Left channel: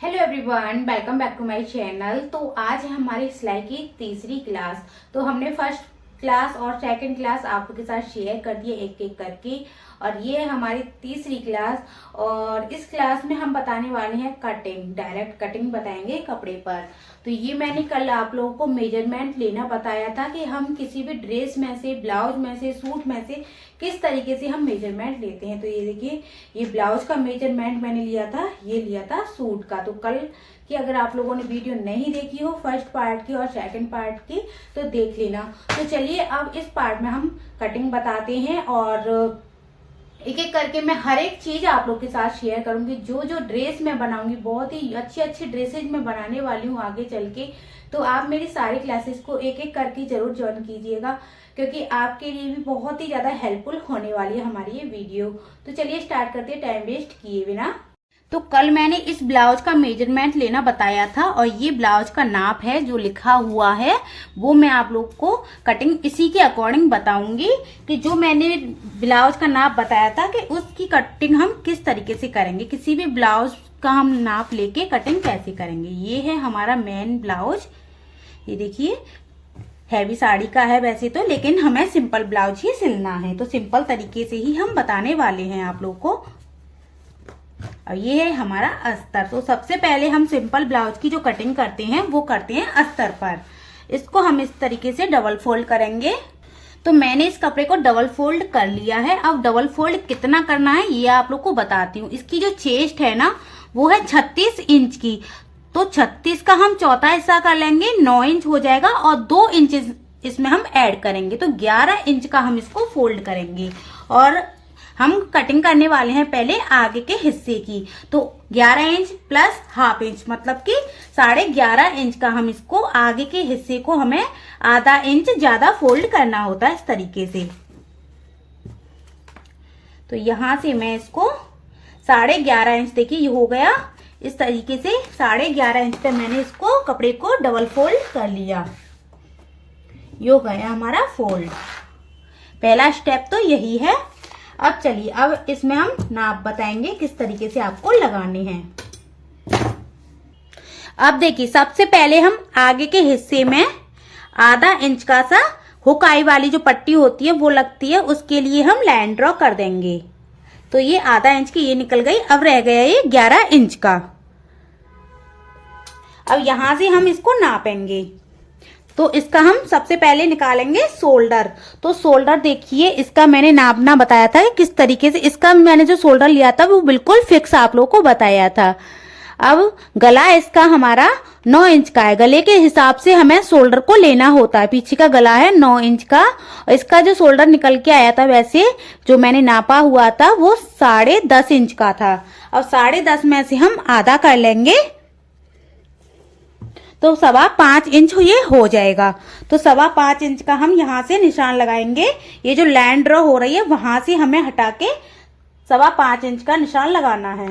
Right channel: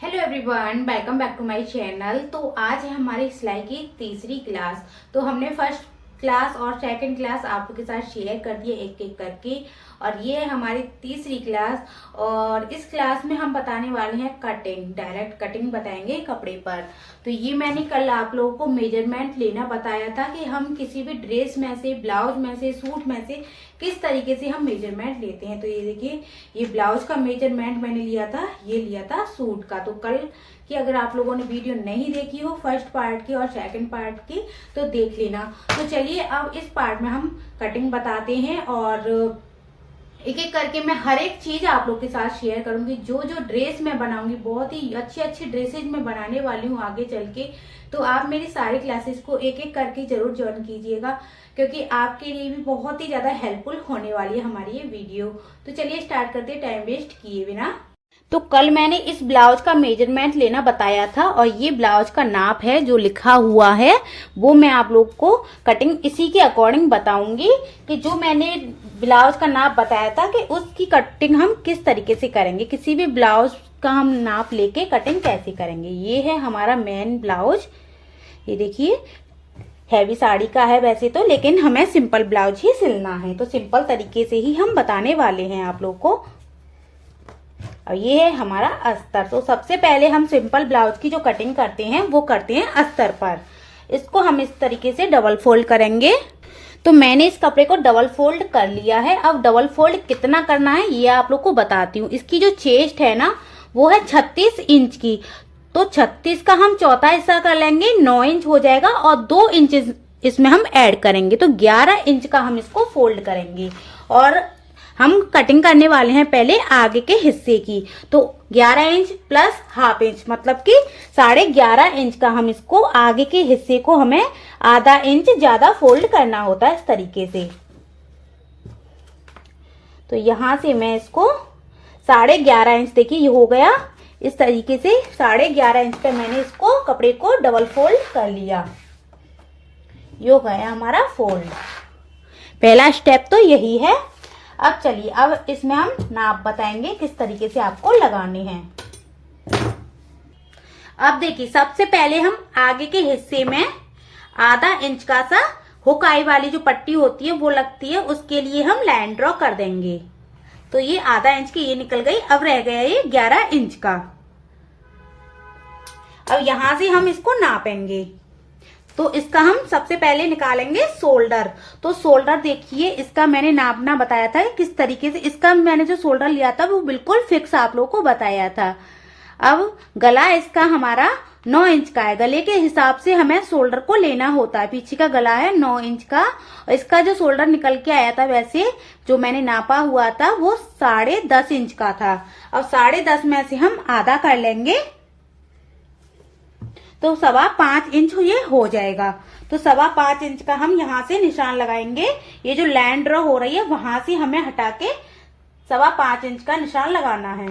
Hello everyone, welcome back to my channel. तो आज है हमारी सिलाई की तीसरी क्लास। तो हमने फर्स्ट क्लास और सेकंड क्लास आप लोग के साथ शेयर कर दिए एक एक करके, और ये है हमारी तीसरी क्लास। और इस क्लास में हम बताने वाले हैं कटिंग, डायरेक्ट कटिंग बताएंगे कपड़े पर। तो ये मैंने कल आप लोगों को मेजरमेंट लेना बताया था कि हम किसी भी ड्रेस में से, ब्लाउज में से, सूट में से किस तरीके से हम मेजरमेंट लेते हैं। तो ये देखिए, ये ब्लाउज का मेजरमेंट मैंने लिया था, ये लिया था सूट का। तो कल की अगर आप लोगों ने वीडियो नहीं देखी हो फर्स्ट पार्ट की और सेकंड पार्ट की तो देख लेना। तो चलिए अब इस पार्ट में हम कटिंग बताते हैं, और एक एक करके मैं हर एक चीज आप लोग के साथ शेयर करूंगी। जो जो ड्रेस मैं बनाऊंगी, बहुत ही अच्छी अच्छी ड्रेसेज मैं बनाने वाली हूँ आगे चल के। तो आप मेरी सारी क्लासेस को एक एक करके जरूर ज्वाइन कीजिएगा, क्योंकि आपके लिए भी बहुत ही ज्यादा हेल्पफुल होने वाली है हमारी ये वीडियो। तो चलिए स्टार्ट करते हैं टाइम वेस्ट किए बिना। तो कल मैंने इस ब्लाउज का मेजरमेंट लेना बताया था, और ये ब्लाउज का नाप है जो लिखा हुआ है, वो मैं आप लोग को कटिंग इसी के अकॉर्डिंग बताऊंगी कि जो मैंने ब्लाउज का नाप बताया था कि उसकी कटिंग हम किस तरीके से करेंगे, किसी भी ब्लाउज का हम नाप लेके कटिंग कैसे करेंगे। ये है हमारा मेन ब्लाउज। ये देखिए, हैवी साड़ी का है वैसे तो, लेकिन हमें सिंपल ब्लाउज ही सिलना है, तो सिंपल तरीके से ही हम बताने वाले हैं आप लोग को। और ये है हमारा अस्तर। तो सबसे पहले हम सिंपल ब्लाउज की जो कटिंग करते हैं वो करते हैं अस्तर पर। इसको हम इस तरीके से डबल फोल्ड करेंगे। तो मैंने इस कपड़े को डबल फोल्ड कर लिया है। अब डबल फोल्ड कितना करना है ये आप लोग को बताती हूँ। इसकी जो चेस्ट है ना, वो है 36 इंच की। तो 36 का हम चौथा हिस्सा कर लेंगे, 9 इंच हो जाएगा, और 2 इंच इसमें हम ऐड करेंगे, तो 11 इंच का हम इसको फोल्ड करेंगे। और हम कटिंग करने वाले हैं पहले आगे के हिस्से की। तो 11 इंच प्लस हाफ इंच, मतलब कि 11.5 इंच का हम इसको आगे के हिस्से को हमें आधा इंच ज्यादा फोल्ड करना होता है इस तरीके से। तो यहां से मैं इसको 11.5 इंच, देखिए ये हो गया इस तरीके से। 11.5 इंच पे मैंने इसको कपड़े को डबल फोल्ड कर लिया। ये हो गया हमारा फोल्ड। पहला स्टेप तो यही है। अब चलिए, अब इसमें हम नाप बताएंगे किस तरीके से आपको लगाने हैं। अब देखिए, सबसे पहले हम आगे के हिस्से में आधा इंच का सा हुक आई वाली जो पट्टी होती है वो लगती है, उसके लिए हम लाइन ड्रॉ कर देंगे। तो ये आधा इंच की ये निकल गई। अब रह गया ये 11 इंच का। अब यहां से हम इसको नापेंगे। तो इसका हम सबसे पहले निकालेंगे शोल्डर। तो शोल्डर देखिए, इसका मैंने नापना बताया था कि किस तरीके से। इसका मैंने जो शोल्डर लिया था वो बिल्कुल फिक्स आप लोगों को बताया था। अब गला इसका हमारा 9 इंच का है। गले के हिसाब से हमें शोल्डर को लेना होता है। पीछे का गला है 9 इंच का, और इसका जो शोल्डर निकल के आया था वैसे जो मैंने नापा हुआ था वो 10.5 इंच का था। अब 10.5 में से हम आधा कर लेंगे, तो 5.25 इंच ये हो जाएगा। तो 5.25 इंच का हम यहाँ से निशान लगाएंगे। ये जो लाइन ड्रॉ हो रही है वहां से हमें हटा के 5.25 इंच का निशान लगाना है।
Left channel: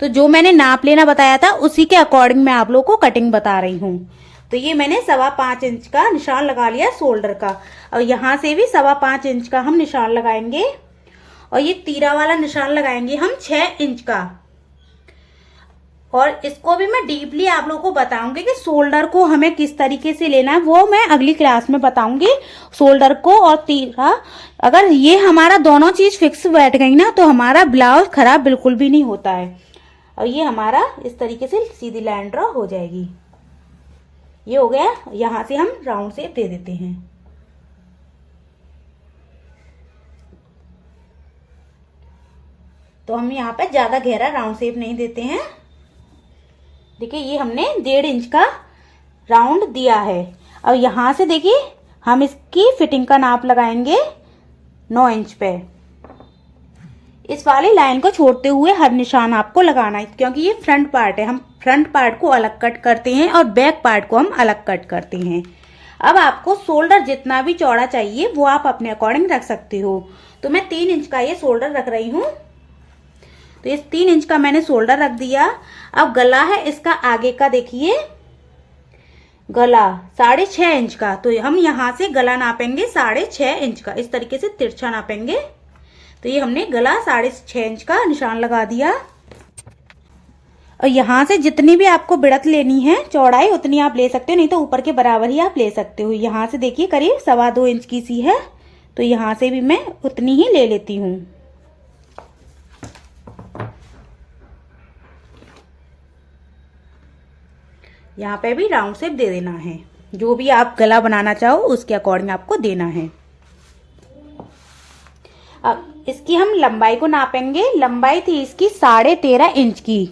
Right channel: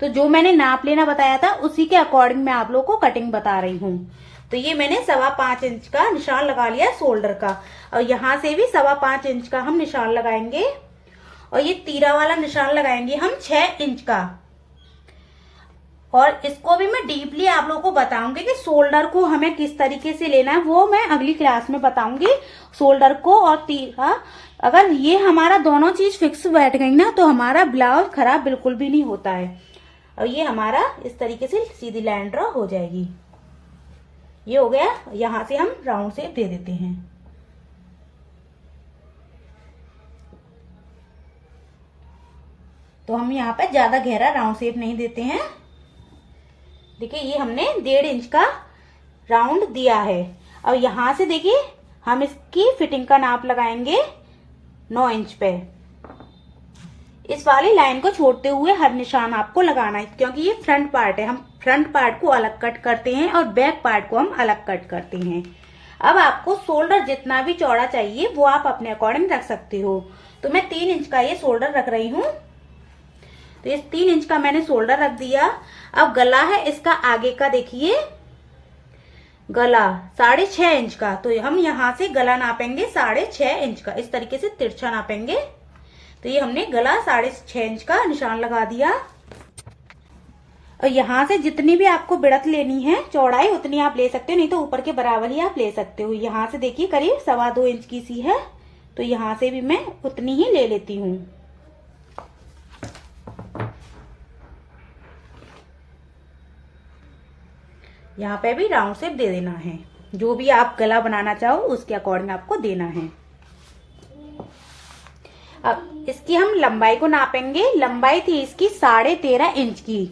तो जो मैंने नाप लेना बताया था उसी के अकॉर्डिंग मैं आप लोगों को कटिंग बता रही हूँ। तो ये मैंने 5.25 इंच का निशान लगा लिया शोल्डर का, और यहाँ से भी 5.25 इंच का हम निशान लगाएंगे, और ये तीरा वाला निशान लगाएंगे हम 6 इंच का। और इसको भी मैं डीपली आप लोगों को बताऊंगी कि शोल्डर को हमें किस तरीके से लेना है, वो मैं अगली क्लास में बताऊंगी। शोल्डर को और तीरा, अगर ये हमारा दोनों चीज फिक्स बैठ गई ना तो हमारा ब्लाउज खराब बिल्कुल भी नहीं होता है। और ये हमारा इस तरीके से सीधी लाइन ड्रॉ हो जाएगी। ये हो गया। यहां से हम राउंड शेप दे देते हैं। तो हम यहाँ पे ज्यादा गहरा राउंड शेप नहीं देते हैं। देखिए, ये हमने 1.5 इंच का राउंड दिया है। और यहां से देखिए हम इसकी फिटिंग का नाप लगाएंगे 9 इंच पे। इस वाली लाइन को छोड़ते हुए हर निशान आपको लगाना है, क्योंकि ये फ्रंट पार्ट है। हम फ्रंट पार्ट को अलग कट करते हैं और बैक पार्ट को हम अलग कट करते हैं। अब आपको शोल्डर जितना भी चौड़ा चाहिए वो आप अपने अकॉर्डिंग रख सकते हो। तो मैं 3 इंच का ये शोल्डर रख रही हूँ। तो इस 3 इंच का मैंने शोल्डर रख दिया। अब गला है इसका आगे का, देखिए गला 6.5 इंच का। तो हम यहां से गला नापेंगे 6.5 इंच का, इस तरीके से तिरछा नापेंगे। तो ये हमने गला 6.5 इंच का निशान लगा दिया। और यहाँ से जितनी भी आपको बढ़त लेनी है चौड़ाई उतनी आप ले सकते हो, नहीं तो ऊपर के बराबर ही आप ले सकते हो। यहाँ से देखिए करीब 2.25 इंच की सी है, तो यहाँ से भी मैं उतनी ही ले लेती हूँ। यहाँ पे भी राउंड शेप दे देना है, जो भी आप गला बनाना चाहो उसके अकॉर्डिंग आपको देना है। अब इसकी हम लंबाई को नापेंगे। लंबाई थी इसकी 13.5 इंच की,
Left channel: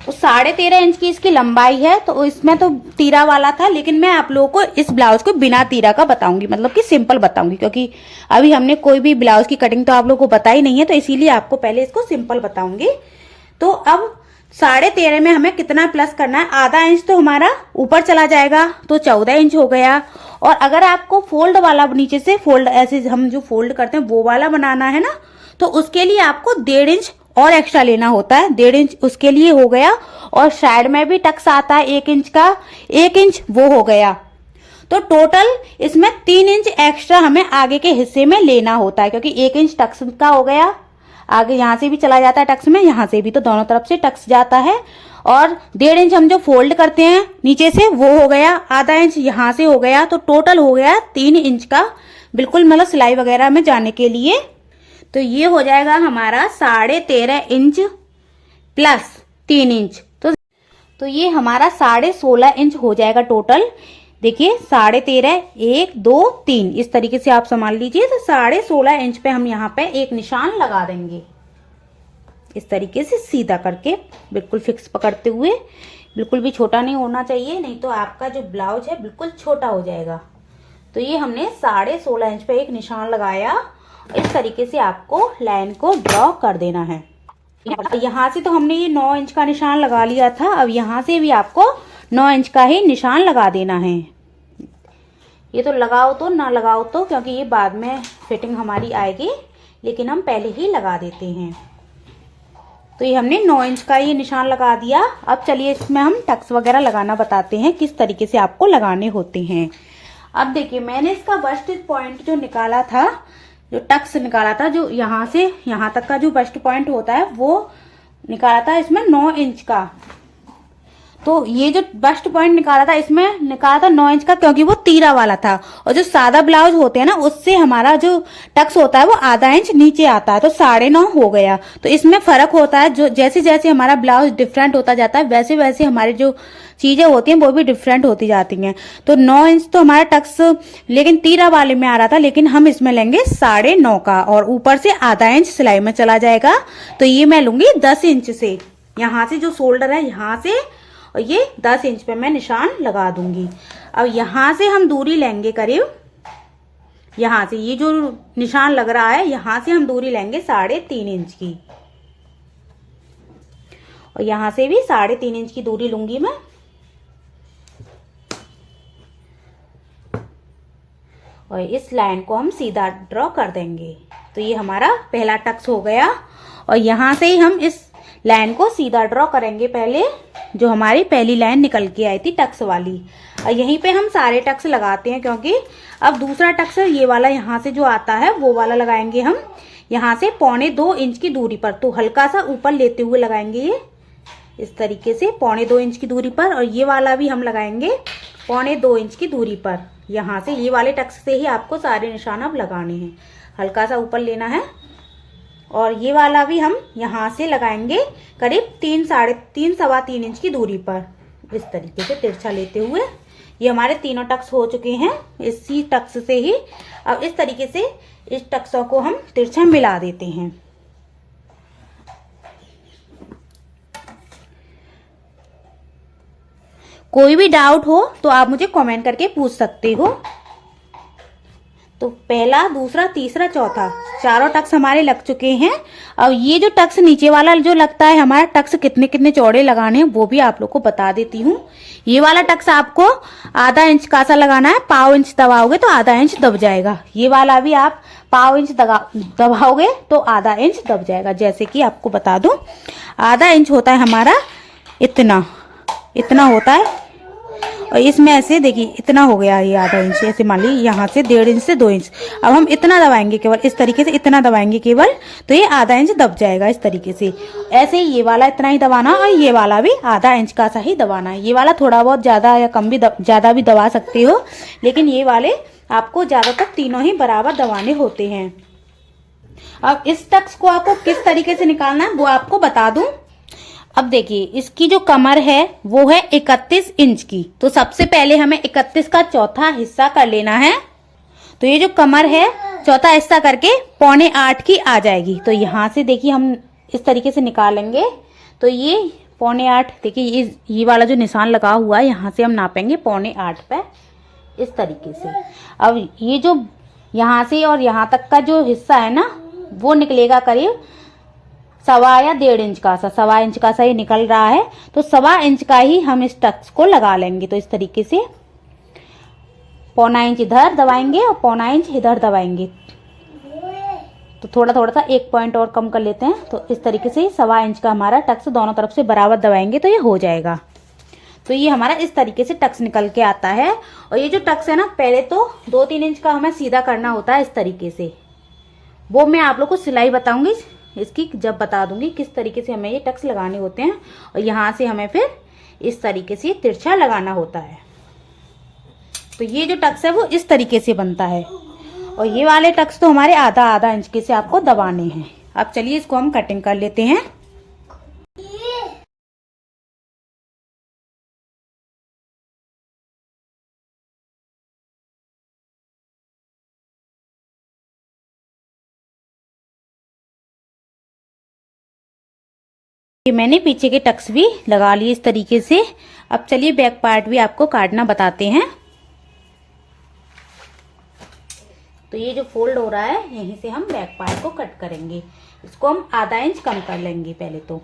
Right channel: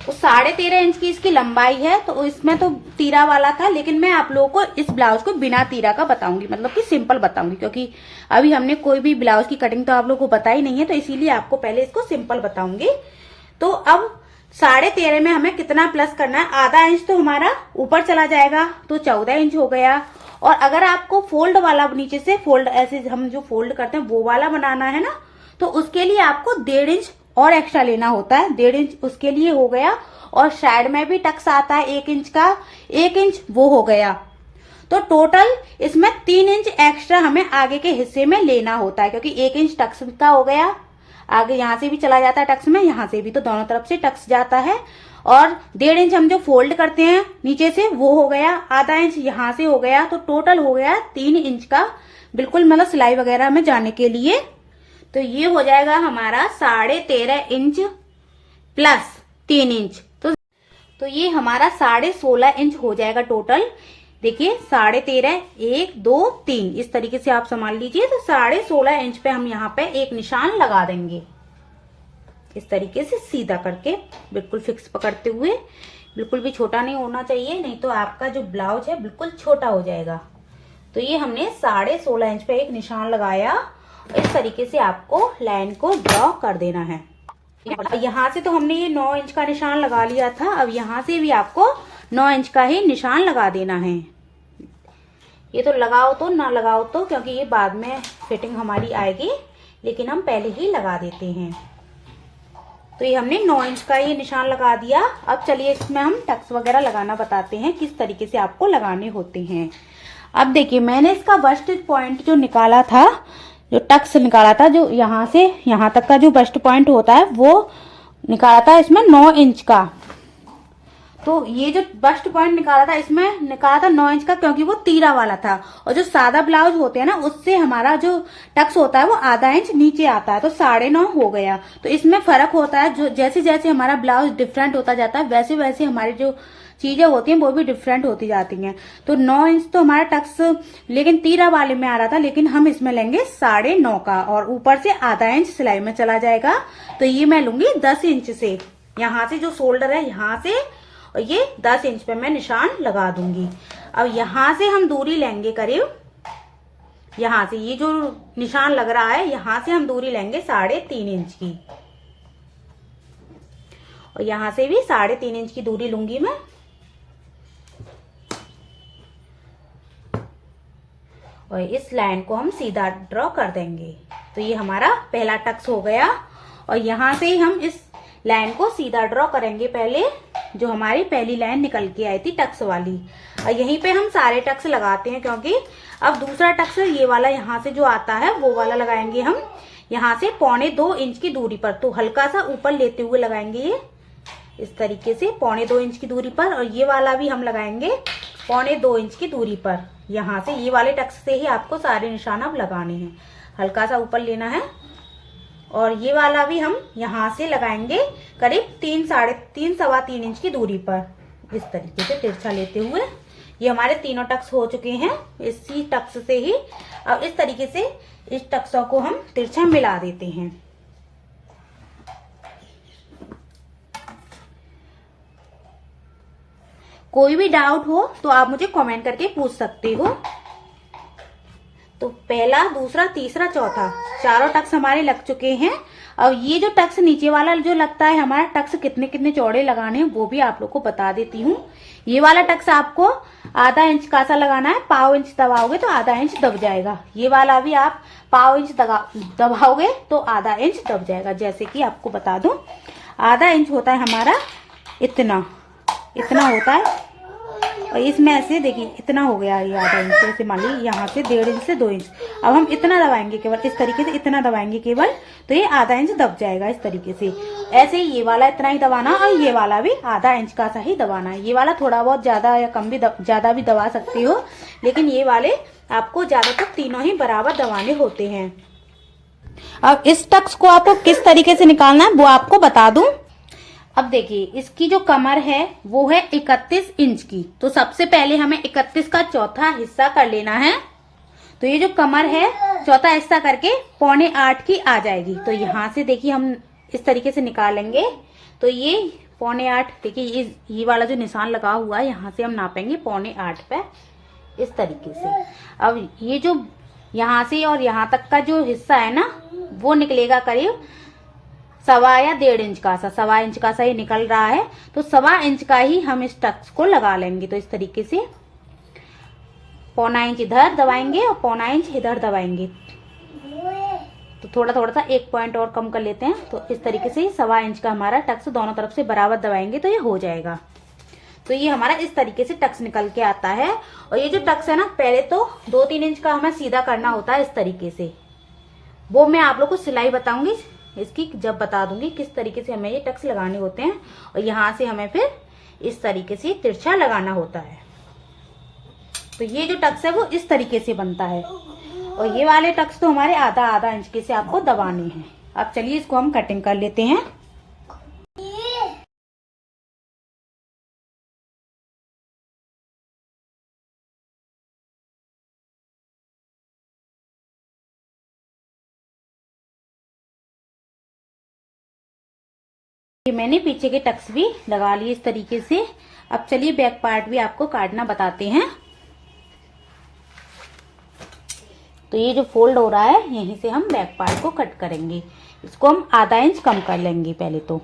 तो 13.5 इंच की इसकी लंबाई है। तो इसमें तो तीरा वाला था, लेकिन मैं आप लोगों को इस ब्लाउज को बिना तीरा का बताऊंगी, मतलब कि सिंपल बताऊंगी, क्योंकि अभी हमने कोई भी ब्लाउज की कटिंग तो आप लोगों को बताई नहीं है, तो इसीलिए आपको पहले इसको सिंपल बताऊंगी। तो अब 13.5 में हमें कितना प्लस करना है, आधा इंच तो हमारा ऊपर चला जाएगा, तो 14 इंच हो गया। और अगर आपको फोल्ड वाला नीचे से फोल्ड, ऐसे हम जो फोल्ड करते हैं वो वाला बनाना है ना, तो उसके लिए आपको 1.5 इंच और एक्स्ट्रा लेना होता है। 1.5 इंच उसके लिए हो गया। और साइड में भी टक्स आता है 1 इंच का, 1 इंच वो हो गया। तो टोटल इसमें 3 इंच एक्स्ट्रा हमें आगे के हिस्से में लेना होता है, क्योंकि 1 इंच टक्स का हो गया, आगे यहाँ से भी चला जाता है टक्स में, यहाँ से भी, तो दोनों तरफ से टक्स जाता है। और 1.5 इंच हम जो फोल्ड करते हैं नीचे से वो हो गया, आधा इंच यहाँ से हो गया, तो टोटल हो गया 3 इंच का, बिल्कुल मतलब सिलाई वगैरह में जाने के लिए। तो ये हो जाएगा हमारा 13.5 इंच प्लस 3 इंच, तो ये हमारा 16.5 इंच हो जाएगा टोटल। देखिए 13.5, 1 2 3 इस तरीके से आप संभाल लीजिए। तो 16.5 इंच पे हम यहाँ पे एक निशान लगा देंगे, इस तरीके से सीधा करके, बिल्कुल फिक्स पकड़ते हुए। बिल्कुल भी छोटा नहीं होना चाहिए, नहीं तो आपका जो ब्लाउज है बिल्कुल छोटा हो जाएगा। तो ये हमने 16.5 इंच पे एक निशान लगाया। इस तरीके से आपको लाइन को ड्रॉ कर देना है। यहाँ से तो हमने ये 9 इंच का निशान लगा लिया था, अब यहाँ से भी आपको 9 इंच का ही निशान लगा देना है। ये तो लगाओ तो ना लगाओ तो, क्योंकि ये बाद में फिटिंग हमारी आएगी, लेकिन हम पहले ही लगा देते हैं। तो ये हमने 9 इंच का ये निशान लगा दिया। अब चलिए इसमें हम टक्स वगैरह लगाना बताते हैं, किस तरीके से आपको लगाने होते हैं। अब देखिए मैंने इसका बस्ट पॉइंट जो निकाला था, जो टक्स निकाला था, जो यहाँ से यहाँ तक का जो बस्ट पॉइंट होता है वो निकाला था इसमें 9 इंच का। तो ये जो बस्ट पॉइंट निकाला था इसमें निकाला था 9 इंच का, क्योंकि वो तीरा वाला था। और जो सादा ब्लाउज होते हैं ना, उससे हमारा जो टक्स होता है वो आधा इंच नीचे आता है, तो 9.5 हो गया। तो इसमें फर्क होता है, जो जैसे जैसे हमारा ब्लाउज डिफरेंट होता जाता है वैसे वैसे हमारी जो चीजें होती हैं वो भी डिफरेंट होती जाती हैं। तो 9 इंच तो हमारा टक्स लेकिन तीरा वाले में आ रहा था, लेकिन हम इसमें लेंगे 9.5 का, और ऊपर से आधा इंच सिलाई में चला जाएगा। तो ये मैं लूंगी 10 इंच से, यहाँ से जो शोल्डर है यहाँ से, और ये 10 इंच पे मैं निशान लगा दूंगी। अब यहाँ से हम दूरी लेंगे करीब, यहाँ से ये जो निशान लग रहा है यहाँ से हम दूरी लेंगे 3.5 इंच की, और यहाँ से भी 3.5 इंच की दूरी लूंगी मैं। और इस लाइन को हम सीधा ड्रॉ कर देंगे। तो ये हमारा पहला टक्स हो गया, और यहाँ से ही हम इस लाइन को सीधा ड्रॉ करेंगे पहले, जो हमारी पहली लाइन निकल के आई थी टक्स वाली। और यहीं पे हम सारे टक्स लगाते हैं, क्योंकि अब दूसरा टक्स ये वाला यहाँ से जो आता है वो वाला लगाएंगे हम यहाँ से 1.25 इंच की दूरी पर। तो हल्का सा ऊपर लेते हुए लगाएंगे ये, इस तरीके से 1.25 इंच की दूरी पर। और ये वाला भी हम लगाएंगे 1.25 इंच की दूरी पर। यहाँ से ये वाले टक्स से ही आपको सारे निशान अब लगाने हैं, हल्का सा ऊपर लेना है। और ये वाला भी हम यहाँ से लगाएंगे करीब 3-3.25 इंच की दूरी पर, इस तरीके से तिरछा लेते हुए। ये हमारे तीनों टक्स हो चुके हैं इसी टक्स से ही। अब इस तरीके से इस टक्सों को हम तिरछा मिला देते हैं। कोई भी डाउट हो तो आप मुझे कमेंट करके पूछ सकते हो। तो पहला, दूसरा, तीसरा, चौथा, चारों टक्स हमारे लग चुके हैं। और ये जो टक्स नीचे वाला जो लगता है हमारा टक्स कितने कितने चौड़े लगाने हैं वो भी आप लोग को बता देती हूँ। ये वाला टक्स आपको आधा इंच का सा लगाना है, 1/4 इंच दबाओगे तो आधा इंच दब जाएगा। ये वाला भी आप 1/4 इंच दबाओगे तो आधा इंच दब जाएगा। जैसे कि आपको बता दूं, आधा इंच होता है हमारा इतना होता है, और इसमें ऐसे देखिए इतना हो गया ये आधा इंच, ऐसे मान लीजिए यहाँ से 1.5 इंच से 2 इंच। अब हम इतना दबाएंगे केवल, इस तरीके से इतना दबाएंगे केवल, तो ये आधा इंच दब जाएगा इस तरीके से। ऐसे ही ये वाला इतना ही दबाना और ये वाला भी आधा इंच का सा ही दबाना है। ये वाला थोड़ा बहुत ज्यादा या कम भी ज्यादा भी दबा सकते हो, लेकिन ये वाले आपको ज्यादातर तीनों ही बराबर दबाने होते हैं। अब इस टक्स को आपको किस तरीके से निकालना है वो आपको बता दूं। अब देखिए इसकी जो कमर है वो है 31 इंच की, तो सबसे पहले हमें 31 का चौथा हिस्सा कर लेना है। तो ये जो कमर है चौथा हिस्सा करके 7.25 की आ जाएगी। तो यहाँ से देखिए हम इस तरीके से निकालेंगे, तो ये 7.25, देखिए ये वाला जो निशान लगा हुआ है यहाँ से हम नापेंगे 7.25 पे इस तरीके से। अब ये जो यहाँ से और यहाँ तक का जो हिस्सा है ना वो निकलेगा करीब 1.25 या 1.5 इंच का सा, 1.25 इंच का सा ये निकल रहा है। तो 1.25 इंच का ही हम इस टक्स को लगा लेंगे। तो इस तरीके से 0.25 इंच इधर दबाएंगे और 0.25 इंच इधर दबाएंगे। तो थोड़ा थोड़ा सा 1 पॉइंट और कम कर लेते हैं। तो इस तरीके से 1.25 इंच का हमारा टक्स दोनों तरफ से बराबर दबाएंगे तो ये हो जाएगा। तो ये हमारा इस तरीके से टक्स निकल के आता है। और ये जो टक्स है ना पहले तो 2-3 इंच का हमें सीधा करना होता है इस तरीके से, वो मैं आप लोग को सिलाई बताऊंगी इसकी, जब बता दूंगी किस तरीके से हमें ये टक्स लगाने होते हैं। और यहाँ से हमें फिर इस तरीके से तिरछा लगाना होता है। तो ये जो टक्स है वो इस तरीके से बनता है। और ये वाले टक्स तो हमारे आधा इंच के से आपको दबाने हैं। अब चलिए इसको हम कटिंग कर लेते हैं। मैंने पीछे के टक्स भी लगा लिए इस तरीके से। अब चलिए बैक पार्ट भी आपको काटना बताते हैं। तो ये जो फोल्ड हो रहा है यहीं से हम बैक पार्ट को कट करेंगे। इसको हम आधा इंच कम कर लेंगे पहले तो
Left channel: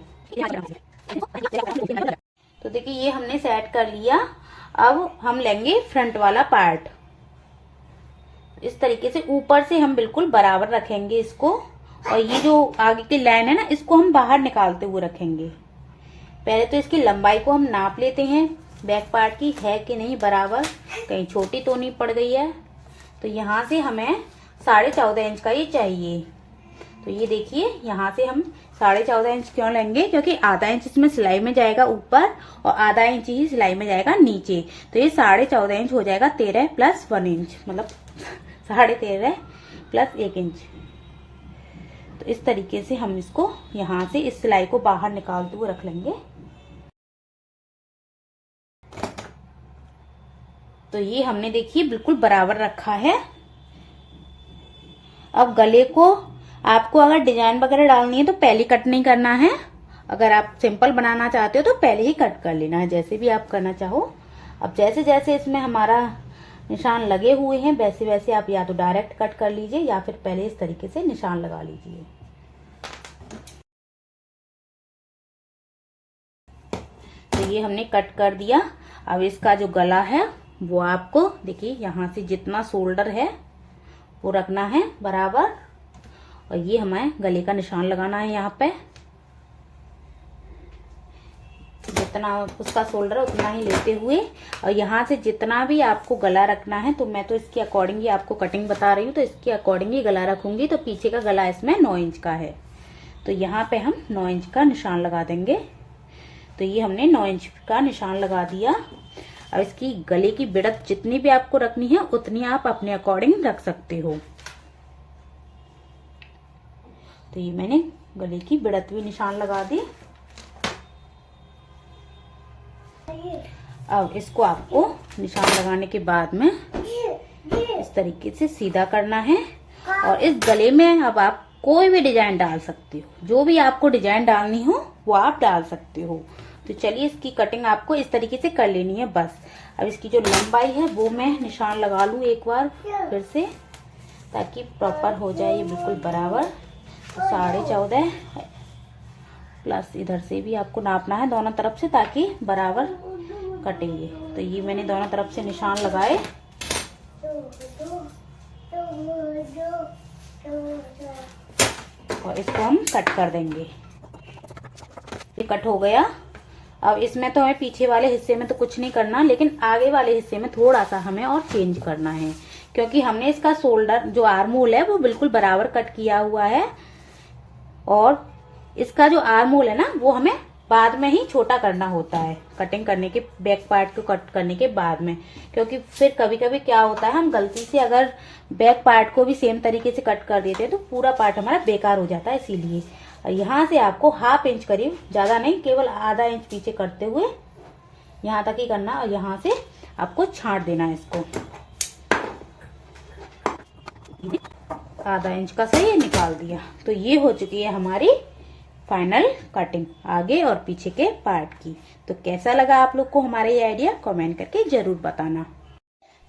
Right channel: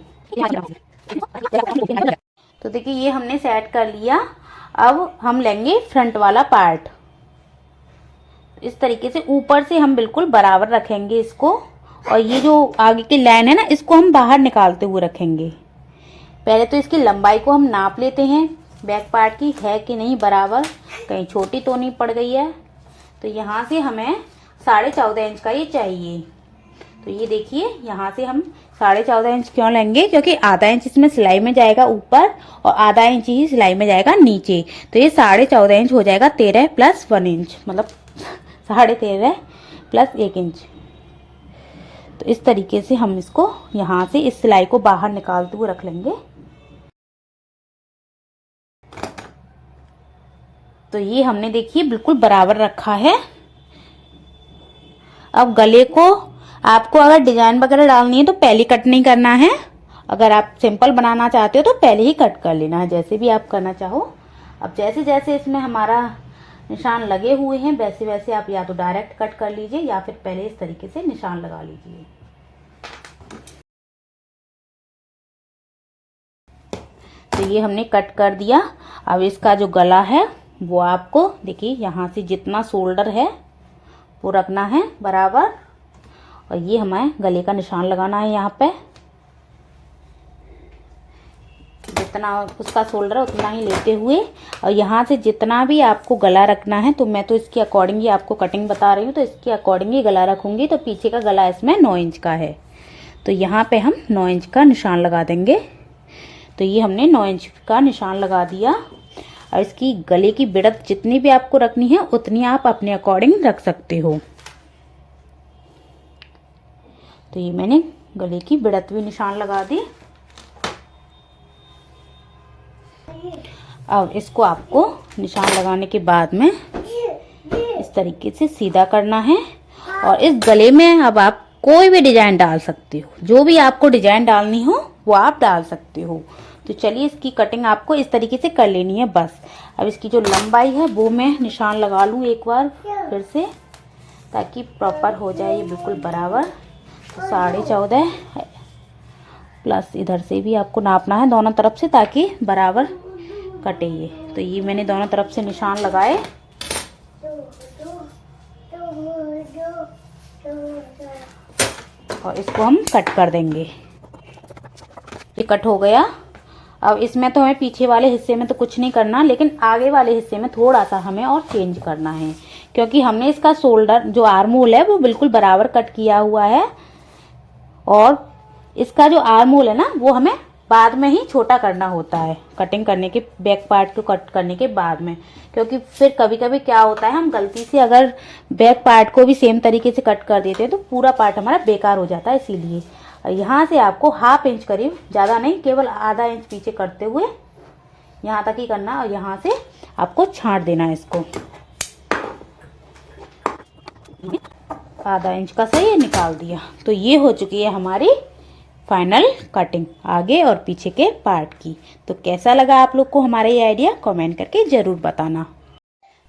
देखिए ये हमने सेट कर लिया। अब हम लेंगे फ्रंट वाला पार्ट, इस तरीके से ऊपर से हम बिल्कुल बराबर रखेंगे इसको। और ये जो आगे की लाइन है ना इसको हम बाहर निकालते हुए रखेंगे। पहले तो इसकी लंबाई को हम नाप लेते हैं बैक पार्ट की, है कि नहीं बराबर, कहीं छोटी तो नहीं पड़ गई है। तो यहाँ से हमें 14.5 इंच का ये चाहिए। तो ये देखिए यहाँ से हम 14.5 इंच क्यों लेंगे, क्योंकि आधा इंच इसमें सिलाई में जाएगा ऊपर और आधा इंच ही सिलाई में जाएगा नीचे। तो ये 14.5 इंच हो जाएगा 13 + 1 इंच, मतलब 13.5 + 1 इंच। तो इस तरीके से हम इसको यहाँ से इस सिलाई को बाहर निकालते हुए रख लेंगे। तो ये हमने देखिए बिल्कुल बराबर रखा है। अब गले को आपको अगर डिजाइन वगैरह डालनी है तो पहले कट नहीं करना है। अगर आप सिंपल बनाना चाहते हो तो पहले ही कट कर लेना है, जैसे भी आप करना चाहो। अब जैसे जैसे इसमें हमारा निशान लगे हुए हैं वैसे वैसे आप या तो डायरेक्ट कट कर लीजिए या फिर पहले इस तरीके से निशान लगा लीजिए। तो ये हमने कट कर दिया। अब इसका जो गला है वो आपको देखिए यहाँ से जितना शोल्डर है वो रखना है बराबर। और ये हमें गले का निशान लगाना है यहाँ पे, जितना उसका शोल्डर है उतना ही लेते हुए। और यहाँ से जितना भी आपको गला रखना है, तो मैं तो इसके अकॉर्डिंग ही आपको कटिंग बता रही हूँ, तो इसके अकॉर्डिंग ही गला रखूंगी। तो पीछे का गला इसमें 9 इंच का है, तो यहाँ पे हम 9 इंच का निशान लगा देंगे। तो ये हमने 9 इंच का निशान लगा दिया। और इसकी गले की बिड़त जितनी भी आपको रखनी है उतनी आप अपने अकॉर्डिंग रख सकते हो। तो ये मैंने गले की बिड़त भी निशान लगा दी। अब इसको आपको निशान लगाने के बाद में इस तरीके से सीधा करना है। और इस गले में अब आप कोई भी डिजाइन डाल सकते हो, जो भी आपको डिजाइन डालनी हो वो आप डाल सकते हो। तो चलिए इसकी कटिंग आपको इस तरीके से कर लेनी है बस। अब इसकी जो लंबाई है वो मैं निशान लगा लूँ एक बार फिर से, ताकि प्रॉपर हो जाए ये बिल्कुल बराबर। तो 14.5 प्लस इधर से भी आपको नापना है दोनों तरफ से, ताकि बराबर कटे ये। तो ये मैंने दोनों तरफ से निशान लगाए। और इसको हम कट कर देंगे। ये कट हो गया। अब इसमें तो हमें पीछे वाले हिस्से में तो कुछ नहीं करना, लेकिन आगे वाले हिस्से में थोड़ा सा हमें और चेंज करना है, क्योंकि हमने इसका शोल्डर जो आर्म होल है वो बिल्कुल बराबर कट किया हुआ है, और इसका जो आर्म होल है ना वो हमें बाद में ही छोटा करना होता है, कटिंग करने के, बैक पार्ट को कट करने के बाद में। क्योंकि फिर कभी कभी क्या होता है, हम गलती से अगर बैक पार्ट को भी सेम तरीके से कट कर देते हैं तो पूरा पार्ट हमारा बेकार हो जाता है। इसीलिए यहाँ से आपको ½ इंच करीब, ज्यादा नहीं, केवल ½ इंच पीछे करते हुए यहाँ तक ही करना, और यहाँ से आपको छांट देना है इसको। ½ इंच का सही निकाल दिया। तो ये हो चुकी है हमारी फाइनल कटिंग आगे और पीछे के पार्ट की। तो कैसा लगा आप लोग को हमारा ये आइडिया, कमेंट करके जरूर बताना।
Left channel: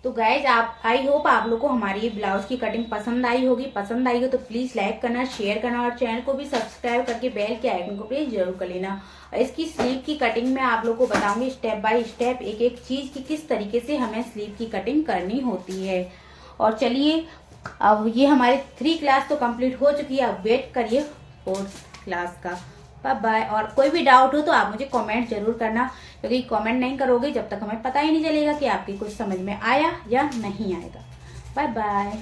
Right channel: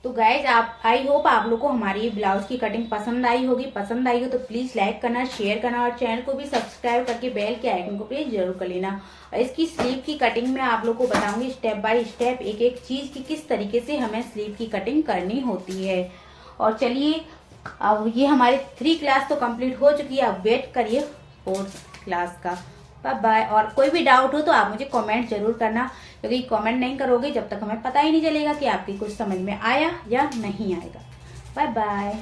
तो गाइज आई होप आप लोग को हमारी ये ब्लाउज की कटिंग पसंद आई होगी। पसंद आई हो तो प्लीज लाइक करना, शेयर करना, और चैनल को भी सब्सक्राइब करके बेल के आइकन को प्लीज जरूर कर लेना। और इसकी स्लीव की कटिंग में आप लोग को बताऊंगी स्टेप बाय स्टेप, एक एक चीज की किस तरीके से हमें स्लीव की कटिंग करनी होती है। और चलिए, अब ये हमारी 3 क्लास तो कंप्लीट हो चुकी है, अब वेट करिए 4th क्लास का। Bye bye. और कोई भी डाउट हो तो आप मुझे कमेंट जरूर करना, क्योंकि कमेंट नहीं करोगे जब तक हमें पता ही नहीं चलेगा कि आपकी कुछ समझ में आया या नहीं आएगा। Bye bye.